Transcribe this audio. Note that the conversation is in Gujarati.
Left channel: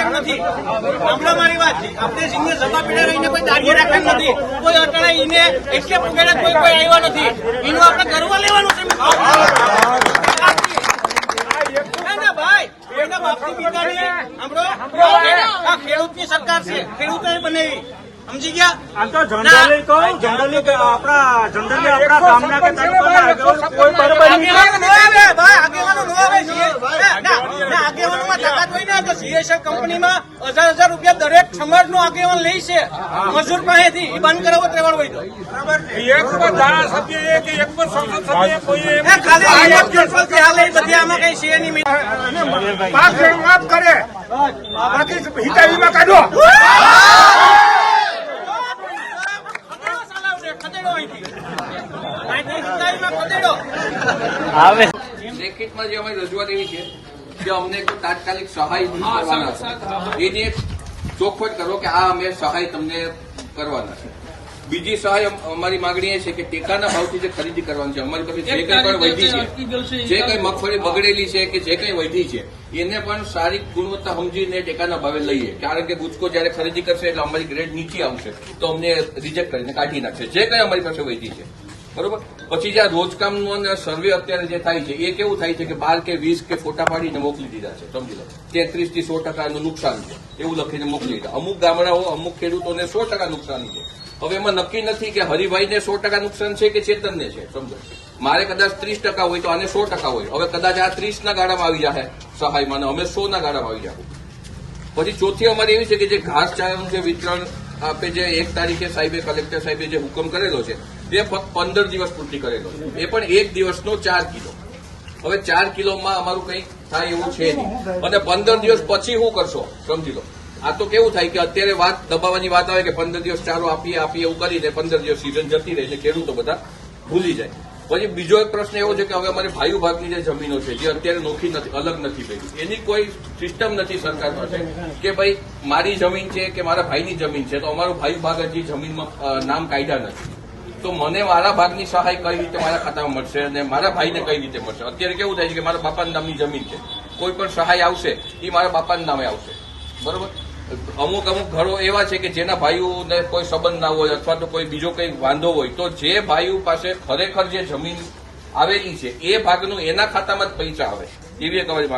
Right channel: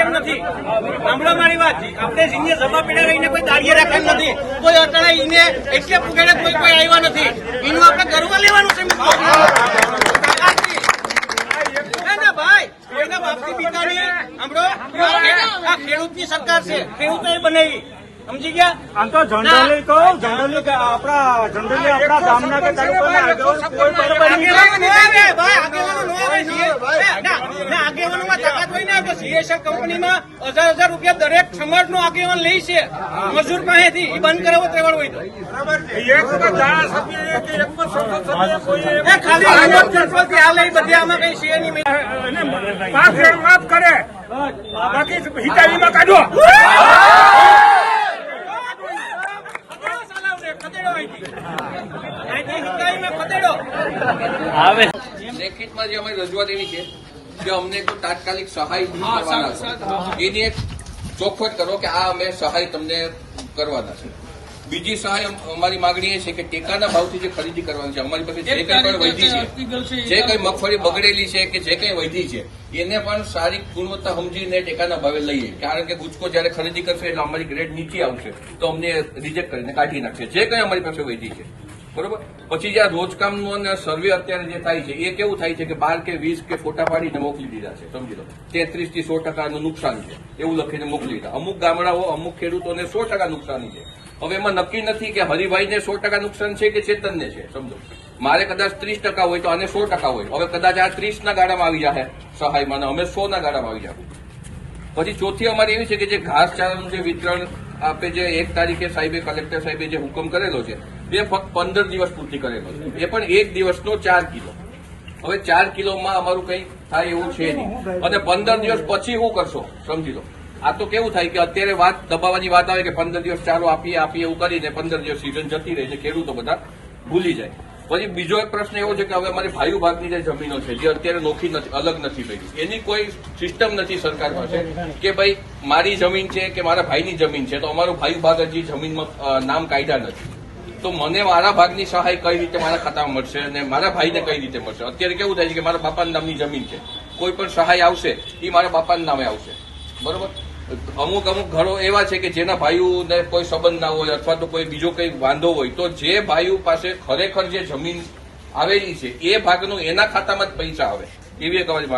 એમ નથી. સાંભળો મારી વાત. આપણે કોઈ દાડીએ રાખે નથી. કોઈ કોઈ કોઈ આવ્યા નથી. પિતાની સરકાર છે. ખેડૂતે બનાવી. સમજી ગયા? આમ તો જનરલી કહું જનરલી કે આપણા જનરલી આપણા ગામના કે તાલુકાના આગેવાનો કોઈ બરાબર નહીં આગેવાનો ન આવે ભાઈ આગેવાનો ન આવે છીએ ના ના આગેવાનોમાં તાકાત હોય ને તો સીએસએફ કંપનીમાં હજાર હજાર રૂપિયા દરેક સમાજનો આગેવાન લે છે. મજૂર પાસેથી. એ બંધ કરાવો હોય તો. ખાલી રિમોટ કંટ્રોલથી હાલ એ બધી આમાં કઈ છે નહીં. રેટ માફ કરે. બાકી હિતાહીમાં કાઢો. લેખિતમાં જે અમે રજૂઆત એવી છે જે અમને તાત્કાલિક સહાય કરવાના છે. એની એક ચોખવટ કરો કે આ અમે સહાય તમને કરવાના છે. બીજી સહાય અમારી માંગણી એ છે કે ટેકાના ભાવથી જે ખરીદી કરવાની છે અમારી પાસે જે કંઈ પણ વધી છે જે કંઈ મગફળી બગડેલી છે કે જે કંઈ વધી છે એને પણ સારી ગુણવત્તા સમજીને ટેકાના ભાવે લઈએ. કારણ કે ગુજકો જયારે ખરીદી કરશે એટલે અમારી ગ્રેડ નીચે આવશે તો અમને રિજેક્ટ કરીને કાઢી નાખશે. જે કંઈ અમારી પાસે વધી છે. બરોબર? પછી જે આ રોજકામનું અને સર્વે અત્યારે જે થાય છે એ કેવું થાય છે કે બાર કે વીસ કે ફોટા પાડીને મોકલી દીધા છે સમજી લો. તેત્રીસથી સો ટકાનું નુકસાન છે એવું લખીને મોકલી દીધા. અમુક ગામડાઓ અમુક ખેડૂતોને સો ટકા નુકસાન છે. હવે એમાં નક્કી નથી કે હરિભાઈને સો ટકા નુકસાન છે કે ચેતનને છે, સમજો. મારે કદાચ ત્રીસ ટકા હોય તો આને સો ટકા હોય. હવે કદાચ આ ત્રીસ ના ગાળામાં આવી જાય સહાયમાં અને અમે સોના ગાળામાં આવી જાય પછી ચોથી અમારી એવી છે કે જે ઘાસચારાનું જે વિતરણ આપે જે એક તારીખે સાહેબે, કલેક્ટર સાહેબે જે હુકમ કરેલો છે તે ફક્ત પંદર દિવસ પૂરતી કરેલો છે. એ પણ એક દિવસનો ચાર કિલો. હવે ચાર કિલોમાં અમારું કંઈ થાય એવું છે નહીં. અને પંદર દિવસ પછી શું કરશો, સમજી લો. આ તો કેવું થાય કે અત્યારે વાત દબાવવાની વાત આવે કે પંદર દિવસ ચાલો આપીએ આપીએ એવું કરીને પંદર દિવસ સિઝન જતી રહે છે, ખેડૂતો બધા ભૂલી જાય. પછી બીજો એક પ્રશ્ન એવો છે કે હવે અમારી ભાઈઓ ભાગની જે જમીનો છે, જે અત્યારે નોખી નથી, અલગ નથી થઈ એની કોઈ સિસ્ટમ નથી સરકાર પાસે કે ભાઈ મારી જમીન છે કે મારા ભાઈની જમીન છે, તો અમારું ભાઈ ભાગ હજી જમીનમાં નામ કાયદા નથી. તો મને મારા ભાગની સહાય કઈ રીતે મારા ખાતામાં મળશે અને મારા ભાઈને કઈ રીતે મળશે? અત્યારે કેવું થાય છે કે મારા બાપાના નામની જમીન છે. કોઈ પણ સહાય આવશે એ મારા બાપાના નામે આવશે. બરોબર? અમુક અમુક ઘરો એવા છે કે જેના ભાઈઓને કોઈ સંબંધ ના હોય અથવા તો કોઈ બીજો કંઈ વાંધો હોય, તો જે ભાઈઓ પાસે ખરેખર જે જમીન આવેલી છે, એ ભાગનું એના ખાતામાં જ પૈસા આવે. એવી એક માંગ